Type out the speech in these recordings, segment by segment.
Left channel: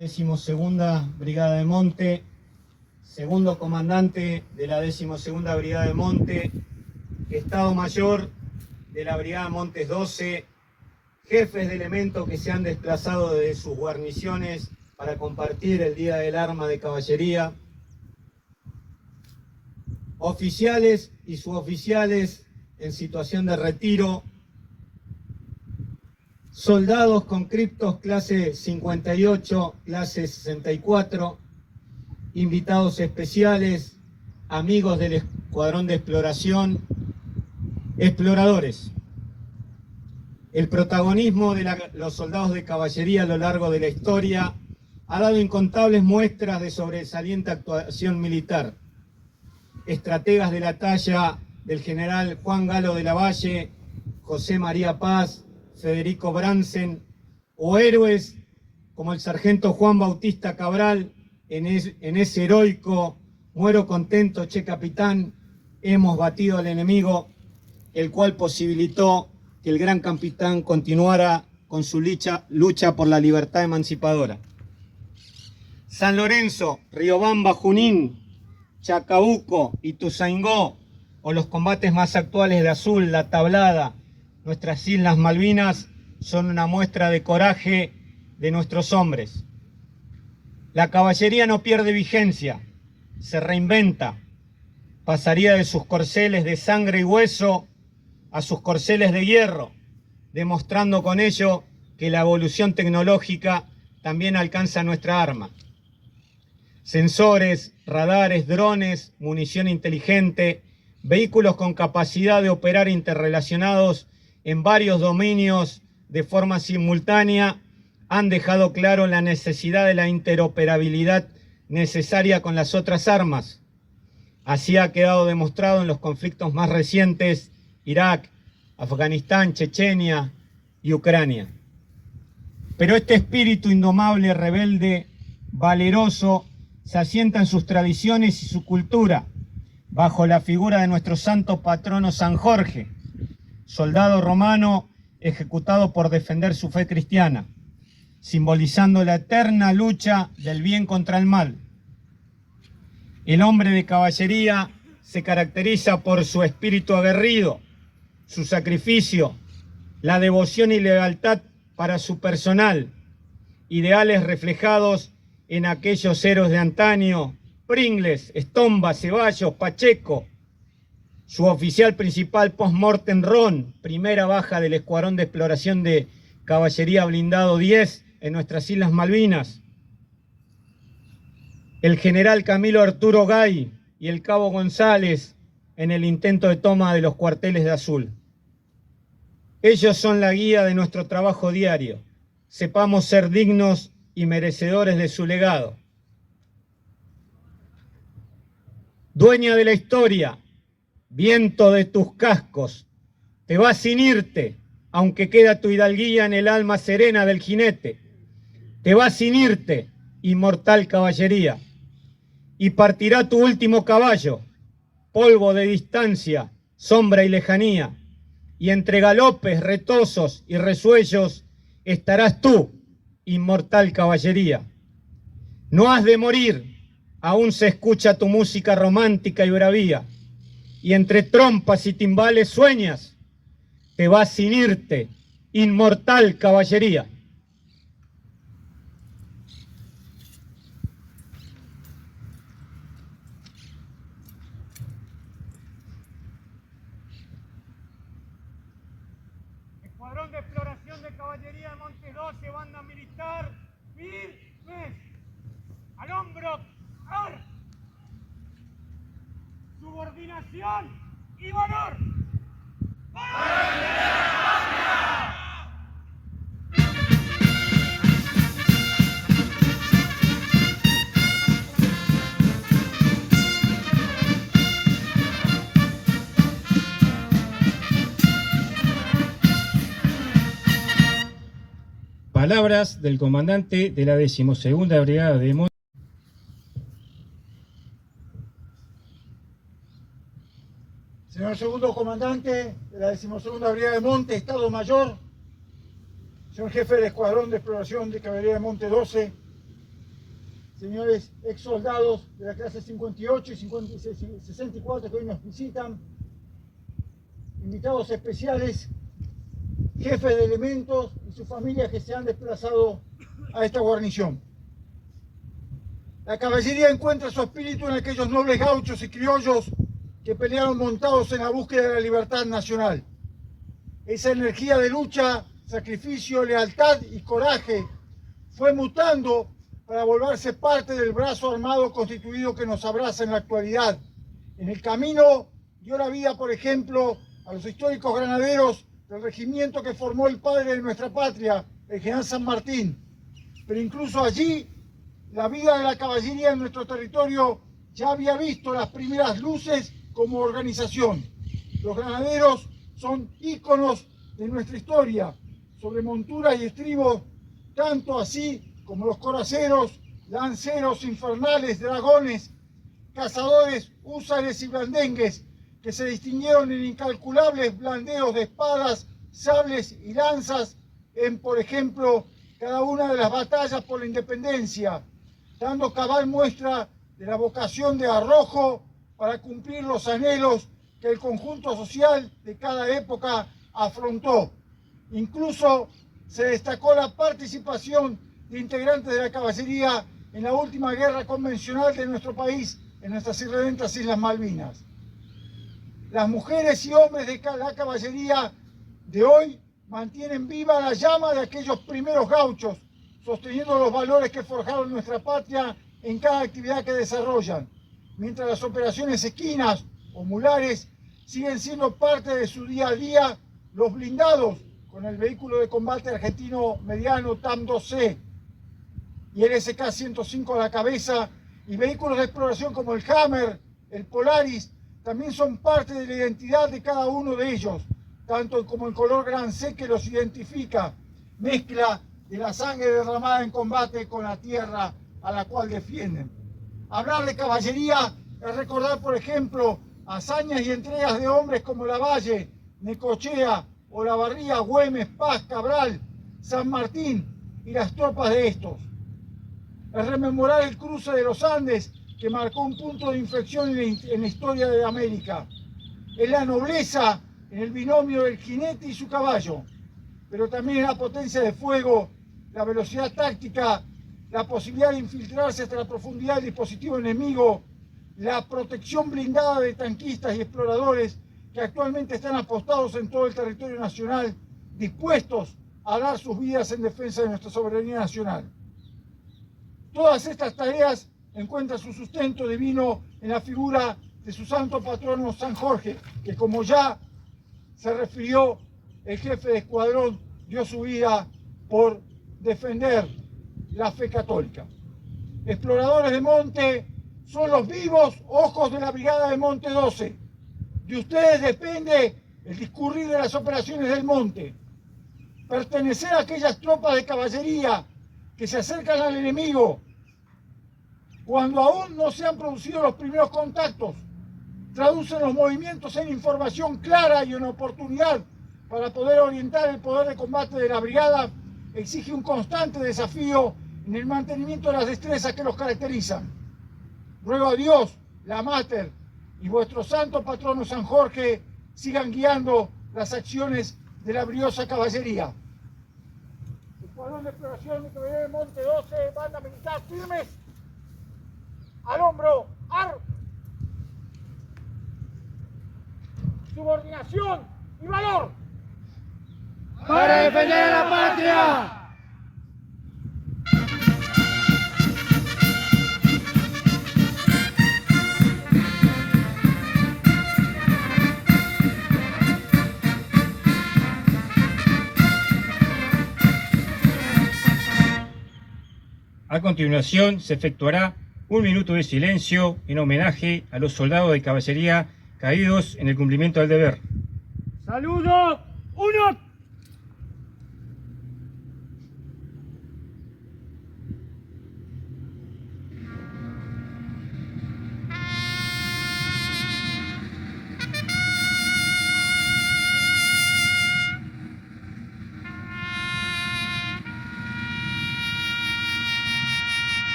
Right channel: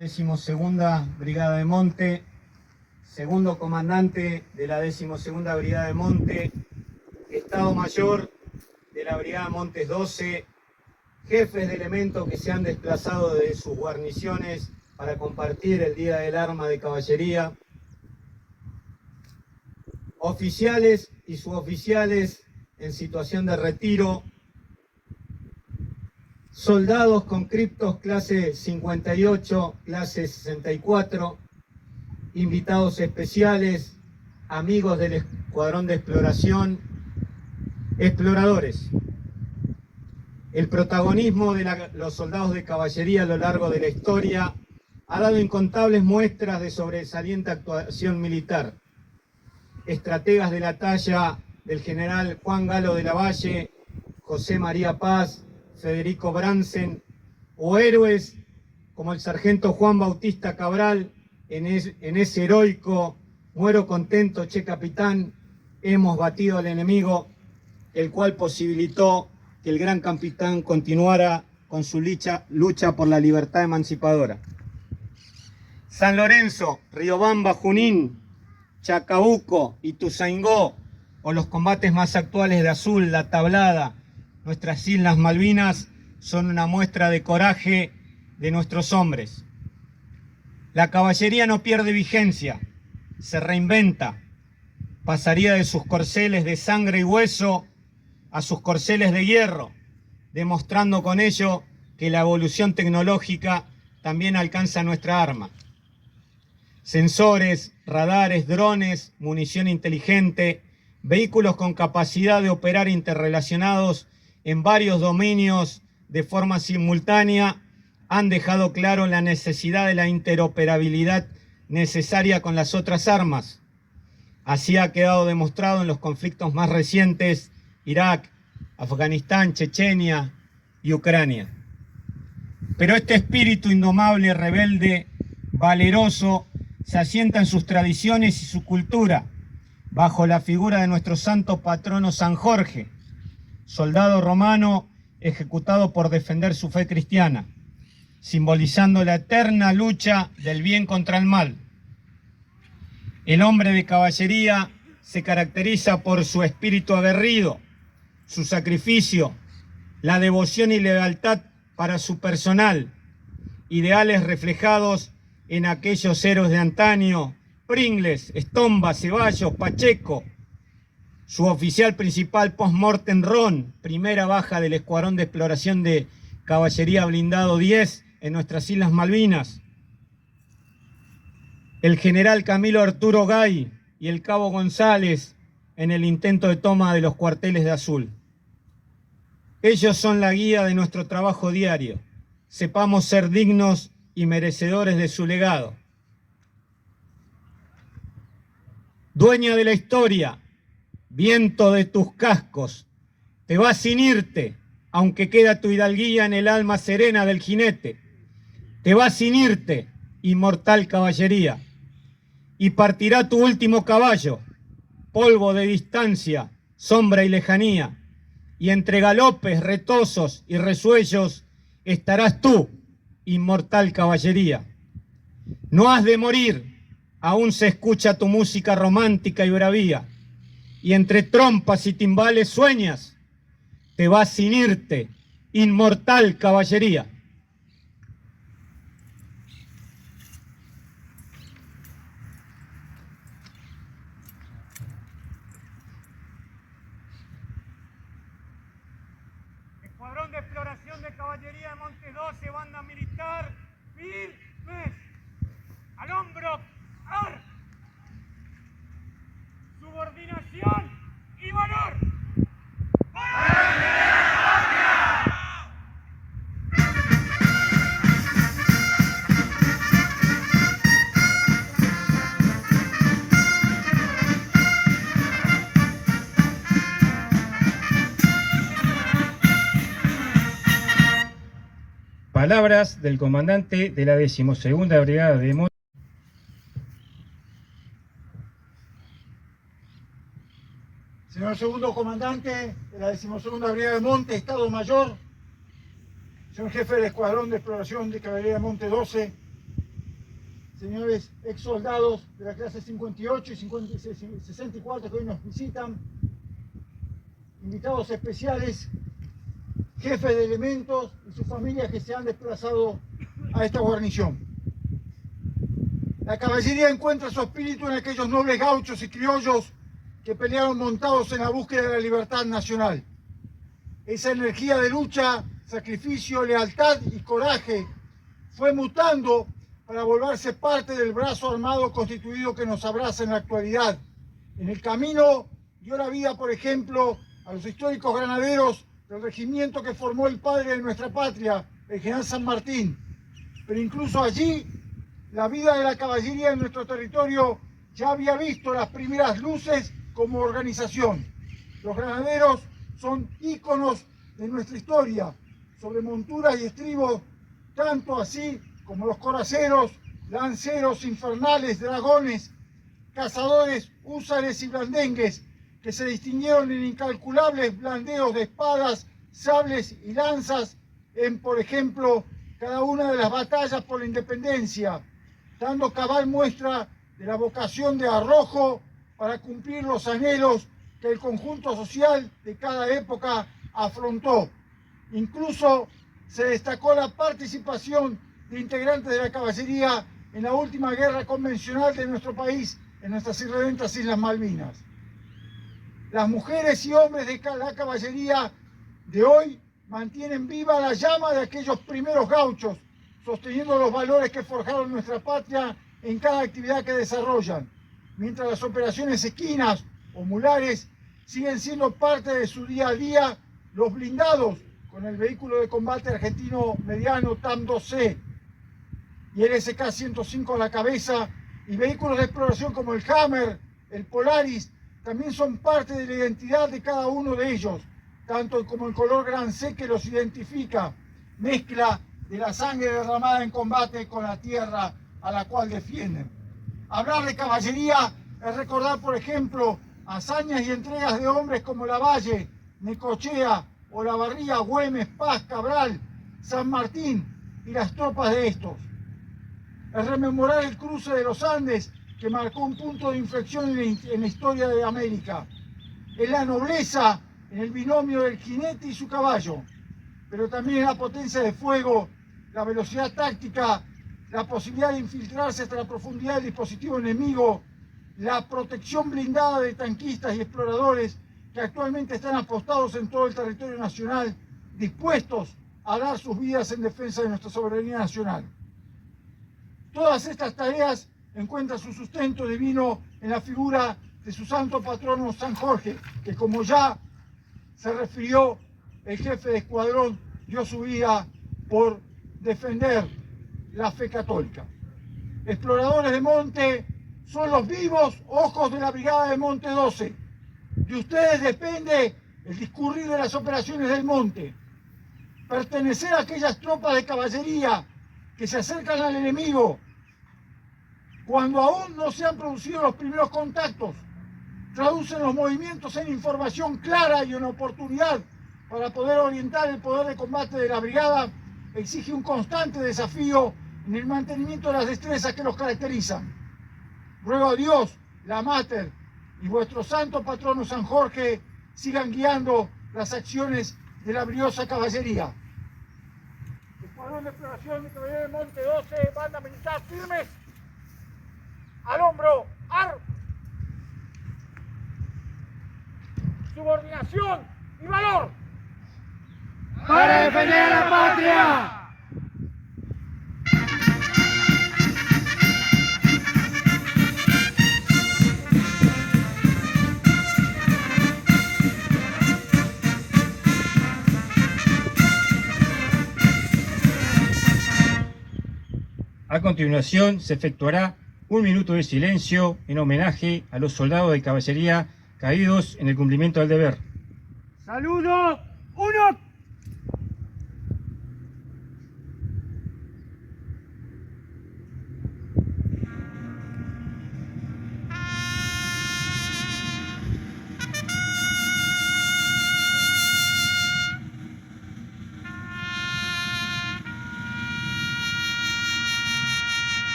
12ª Brigada de Monte, segundo comandante de la 12ª Brigada de Monte, Estado Mayor de la Brigada Montes 12, jefes de elementos que se han desplazado de sus guarniciones para compartir el Día del Arma de Caballería, oficiales y suboficiales en situación de retiro, soldados conscriptos clase 58, clase 64, invitados especiales, amigos del Escuadrón de Exploración, exploradores. El protagonismo de los soldados de caballería a lo largo de la historia ha dado incontables muestras de sobresaliente actuación militar. Estrategas de la talla del general Juan Galo de la Valle, José María Paz, Federico Bransen, o héroes como el sargento Juan Bautista Cabral, en ese heroico "muero contento, che capitán, hemos batido al enemigo", el cual posibilitó que el gran capitán continuara con su lucha por la libertad emancipadora. San Lorenzo, Riobamba, Junín, Chacabuco, Ituzaingó, o los combates más actuales de Azul, La Tablada, nuestras Islas Malvinas, son una muestra de coraje de nuestros hombres. La caballería no pierde vigencia, se reinventa. Pasaría de sus corceles de sangre y hueso a sus corceles de hierro, demostrando con ello que la evolución tecnológica también alcanza nuestra arma. Sensores, radares, drones, munición inteligente, vehículos con capacidad de operar interrelacionados en varios dominios de forma simultánea han dejado claro la necesidad de la interoperabilidad necesaria con las otras armas. Así ha quedado demostrado en los conflictos más recientes: Irak, Afganistán, Chechenia y Ucrania. Pero este espíritu indomable, rebelde, valeroso, se asienta en sus tradiciones y su cultura, bajo la figura de nuestro santo patrono San Jorge, soldado romano ejecutado por defender su fe cristiana, simbolizando la eterna lucha del bien contra el mal. El hombre de caballería se caracteriza por su espíritu aguerrido, su sacrificio, la devoción y lealtad para su personal, ideales reflejados en aquellos héroes de antaño: Pringles, Estomba, Ceballos, Pacheco, su oficial principal post-mortem Ron, primera baja del Escuadrón de Exploración de Caballería Blindado 10 en nuestras Islas Malvinas, el general Camilo Arturo Gay y el cabo González en el intento de toma de los cuarteles de Azul. Ellos son la guía de nuestro trabajo diario. Sepamos ser dignos y merecedores de su legado. Dueña de la historia, viento de tus cascos, te vas sin irte, aunque queda tu hidalguía en el alma serena del jinete. Te vas sin irte, inmortal caballería, y partirá tu último caballo, polvo de distancia, sombra y lejanía, y entre galopes, retozos y resuellos estarás tú, inmortal caballería. No has de morir, aún se escucha tu música romántica y bravía, y entre trompas y timbales sueñas. Te vas sin irte, inmortal caballería. Escuadrón de Exploración de Caballería de Montes 12, banda militar, firmes, al hombro, ar, subordinación y valor. Palabras del comandante de la 12ª Brigada de Monte. Señor segundo comandante de la 12ª Brigada de Monte, Estado Mayor, señor jefe del Escuadrón de Exploración de Caballería de Monte 12, señores ex soldados de la clase 58 y 64 que hoy nos visitan, invitados especiales, jefes de elementos y sus familias que se han desplazado a esta guarnición. La caballería encuentra su espíritu en aquellos nobles gauchos y criollos que pelearon montados en la búsqueda de la libertad nacional. Esa energía de lucha, sacrificio, lealtad y coraje fue mutando para volverse parte del brazo armado constituido que nos abraza en la actualidad. En el camino dio la vida, por ejemplo, a los históricos granaderos del regimiento que formó el padre de nuestra patria, el general San Martín. Pero incluso allí, la vida de la caballería en nuestro territorio ya había visto las primeras luces como organización. Los granaderos son íconos de nuestra historia, sobre monturas y estribos, tanto así como los coraceros, lanceros, infernales, dragones, cazadores, húsares y blandengues, que se distinguieron en incalculables blandeos de espadas, sables y lanzas en, por ejemplo, cada una de las batallas por la independencia, dando cabal muestra de la vocación de arrojo para cumplir los anhelos que el conjunto social de cada época afrontó. Incluso se destacó la participación de integrantes de la caballería en la última guerra convencional de nuestro país, en nuestras irredentas Islas Malvinas. Las mujeres y hombres de la caballería de hoy mantienen viva la llama de aquellos primeros gauchos, sosteniendo los valores que forjaron nuestra patria en cada actividad que desarrollan, mientras las operaciones equinas o mulares siguen siendo parte de su día a día. Los blindados, con el vehículo de combate argentino mediano TAM-2C y el SK-105 a la cabeza, y vehículos de exploración como el Hammer, el Polaris, también son parte de la identidad de cada uno de ellos, tanto como el color Gran C que los identifica, mezcla de la sangre derramada en combate con la tierra a la cual defienden. Hablar de caballería es recordar, por ejemplo, hazañas y entregas de hombres como Lavalle, Necochea, Olavarría, Güemes, Paz, Cabral, San Martín y las tropas de estos. Es rememorar el cruce de los Andes, que marcó un punto de inflexión en la historia de América. Es la nobleza en el binomio del jinete y su caballo, pero también es la potencia de fuego, la velocidad táctica, la posibilidad de infiltrarse hasta la profundidad del dispositivo enemigo, la protección blindada de tanquistas y exploradores que actualmente están apostados en todo el territorio nacional, dispuestos a dar sus vidas en defensa de nuestra soberanía nacional. Todas estas tareas encuentran su sustento divino en la figura de su santo patrono San Jorge, que, como ya se refirió, el jefe de escuadrón dio su vida por defender la fe católica. Exploradores de monte son los vivos ojos de la Brigada de Monte 12. De ustedes depende el discurrir de las operaciones del monte. Pertenecer a aquellas tropas de caballería que se acercan al enemigo cuando aún no se han producido los primeros contactos, traducen los movimientos en información clara y en oportunidad para poder orientar el poder de combate de la brigada, exige un constante desafío en el mantenimiento de las destrezas que los caracterizan. Ruego a Dios, la Mater y vuestro santo patrono San Jorge sigan guiando las acciones de la briosa caballería. Escuadrón de exploración de caballería de Monte 12, banda militar firmes, al hombro, subordinación y valor. ¡Para defender a la patria! A continuación se efectuará un minuto de silencio en homenaje a los soldados de caballería caídos en el cumplimiento del deber. Saludo, uno.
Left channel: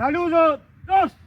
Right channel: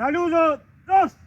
Saludos, dos.